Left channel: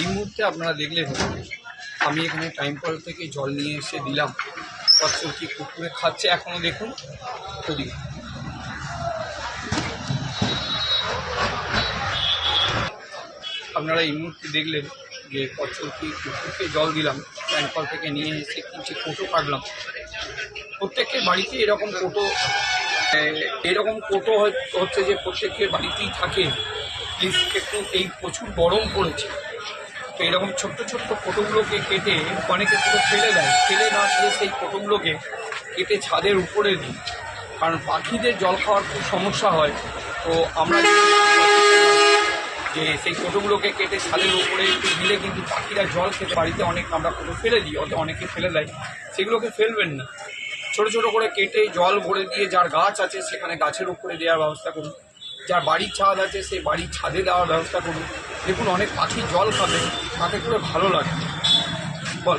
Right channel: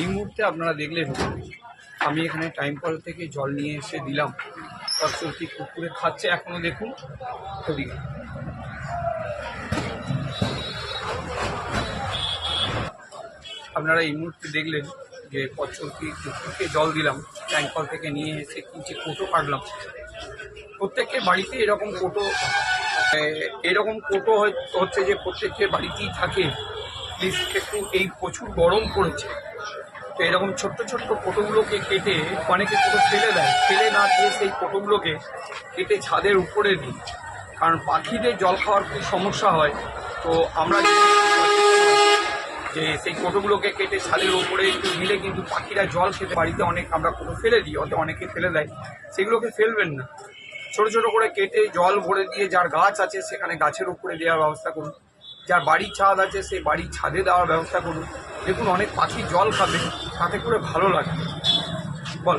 এই মুহূর্তে আপনারা দেখলেন আমি এখানে টাইম কল থেকে জল নিয়ে এসে দিলাম। কচ্ছপটি কুকুরে খাচ্ছে, এখনো দেখুন ওদিকে। আপনারা এই মুহূর্তে দেখলেন যে কচ্ছপটি কুকুরকে জল দিলাম, টাইম কল থেকে নিয়ে এসে কিছু কোটো কাটলাম। প্রত্যেকের বাড়িতে এরকম কোটো হচ্ছে যে প্রত্যেকের বাড়িতেই থাকে। প্লিজ একটু, এই প্রচুর গরম পড়েছে, তো এরকম ছোট্ট ছোট্ট কোটোগুলোকে কেটে অনেকে কোটো ফেলে দেয়, ফেলে না দিয়ে সেই কোটোগুলোকে কেটে ছাদের উপরে দিই, কারণ পাখিদের জল খাওয়ার খুব সমস্যা হয়। তো আমরা যে সেই কোটোগুলোকে কেটে ছাদের উপরে একটু দিলে কিন্তু পাখিরা জল খেতে। বাড়িতে আমরা কোটো ফেলে দিই, অনেকে ফেলে দেয়, সেগুলোকে ফেলবেন না। ছোট ছোট করে কেটে জল ভরে দিয়ে যার গাছ আছে সেখানে গাছের উপরে দেওয়ার ব্যবস্থা করুন, যার বাড়ির ছাদ আছে সেই বাড়ির ছাদে দেওয়ার ব্যবস্থা করুন। দেখুন অনেক পাখি জল খাবে, তাতে করে ভালো লাগে। বল।